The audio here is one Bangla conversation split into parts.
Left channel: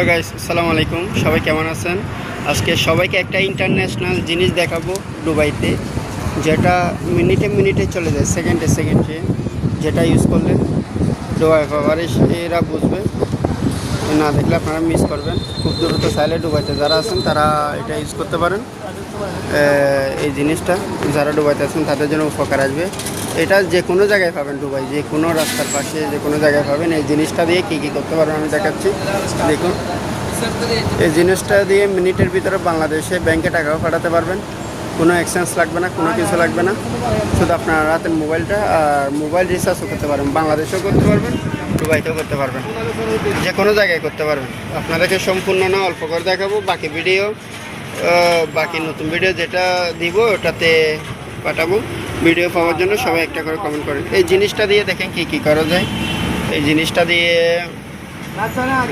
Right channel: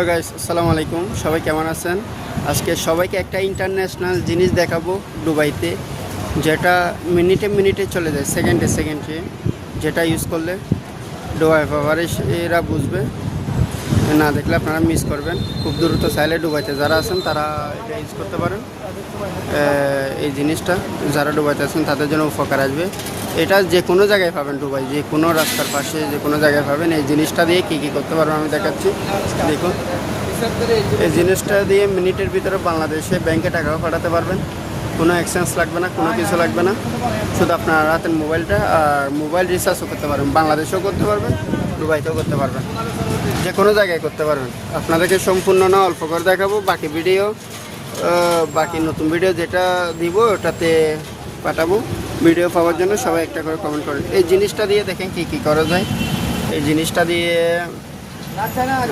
হ্যালো গাইস, আসসালামু আলাইকুম। সবাই কেমন আছেন? আজকে সবাইকে একটা ইন্টারন্যাশনাল জিনিস দেখাবো দুবাইতে, যেটা মিনিটে মিনিটে চলে যায়, সেকেন্ডে সেকেন্ডে, যেটা ইউজ করলে দুবাই পাওয়ারে এরা বুঝবে, না দেখলে আপনারা মিস করবেন। খুব দ্রুত চাইলে দুবাইতে যারা আছেন তারা এটা ইউজ করতে পারেন। এই জিনিসটা যারা দুবাইতে আছেন তাদের জন্য উপকার আসবে। এটা যে কোনো জায়গায় পাবেন, দুবাই যে কোনো রাস্তার পাশে যে কোনো জায়গায় পাবেন। এই জিনিসটা দিয়ে কী কী করতে পারবেন আমি দেখাচ্ছি, দেখুন। এই জিনিসটা দিয়ে মিনিটের ভিতরে বাংলাদেশে ব্যাংকে টাকাও পাঠাতে পারবেন। কোনো এক্সচেঞ্জ লাগবে না, কোনো কিছু লাগবে না। শুধু আপনার রাতের মোবাইলটা আর মোবাইল রিচার্জও করতে পারবেন, বাংলাদেশেও করতে পারবেন, দুবাইতেও করতে পারবেন, যে কোনো জায়গায় করতে পারবেন। আপনাদেরকে সম্পূর্ণ না অল্প করে দেখাবো, বাকি নতুন ভিডিও যেটা দিব ওটাতে পাঠাবো। ভিডিও পাওয়ার জন্য সবাই একটা করে কমেন্ট করুন। এই জিনিসটা দিয়ে দেখেন কী কী করা যায়। এই জিনিসটা দিয়ে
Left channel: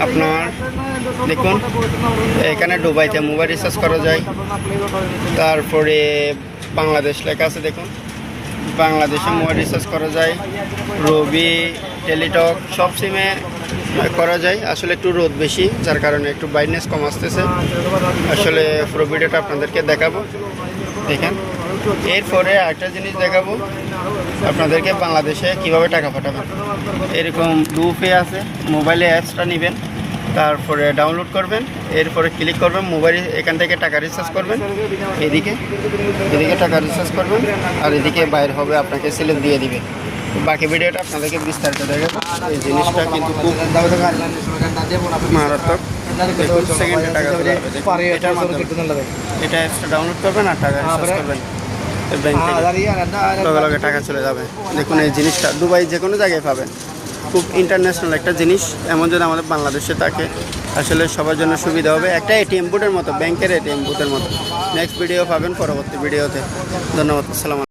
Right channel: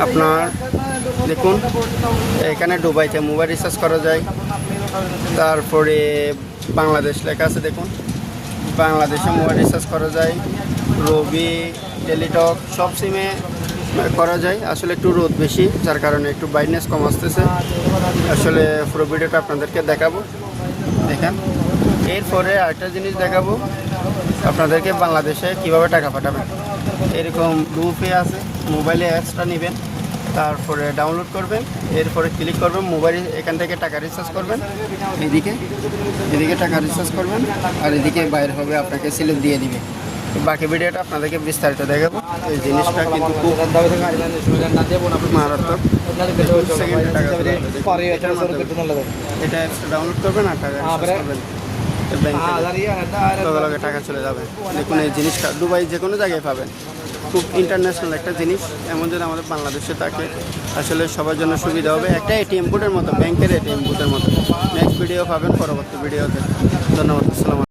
আপনার দেখুন, এখানে দুবাইতে মোবাইল রিচার্জ করা যায়। তারপরে বাংলাদেশ লেখা আছে, দেখুন, বাংলাদেশে মোবাইল রিচার্জ করা যায়। রবি, টেলিটক সব সিমে করা যায়। আসলে একটু রোদ বেশি, যার কারণে একটু ব্রাইটনেস কম আসতেছে। আসলে পুরো ভিডিওটা আপনাদেরকে দেখাবো, দেখেন। এরপরে আরেকটা জিনিস দেখাবো আপনাদেরকে, বাংলাদেশে কীভাবে টাকা পাঠাবেন। এরকম গ্রুপে আছে, মোবাইলে অ্যাপসটা নেবেন, তারপরে ডাউনলোড করবেন, এরপরে ক্লিক করবেন, মোবাইল এখান থেকে টাকা রিচার্জ করবেন। এদিকে টাকা রিচার্জ করবেন, আর এদিকে বাইরে হবে, আপনাকে সিলেক্ট দিয়ে দিবে। বাকি ভিডিওটা আপনাদেরকে বিস্তারিত দেখাবো। এই জিনিসটা কিন্তু খুব মারাত্মক। এটার মাধ্যমে এটা অ্যাপসটা ডাউনলোড করবেন আর টাকা রিচার্জ করবেন, লগে লগে টাকা চলে যাবে। দেখুন, এই জিনিসটা দুবাই যে কোনো জায়গায় পাবেন। খুব ইন্টারন্যাশনাল একটা জিনিস, এমন যদি আমাদের বাংলাদেশে থাকে আসলে সবার জন্য সুবিধা হবে। একটা এটিএম বুথের মতো, ব্যাংকের এটিএম বুথের মতো। নেক্সট ভিডিও পাবেন পরবর্তী ভিডিওতে। ধন্যবাদ, আসসালাম।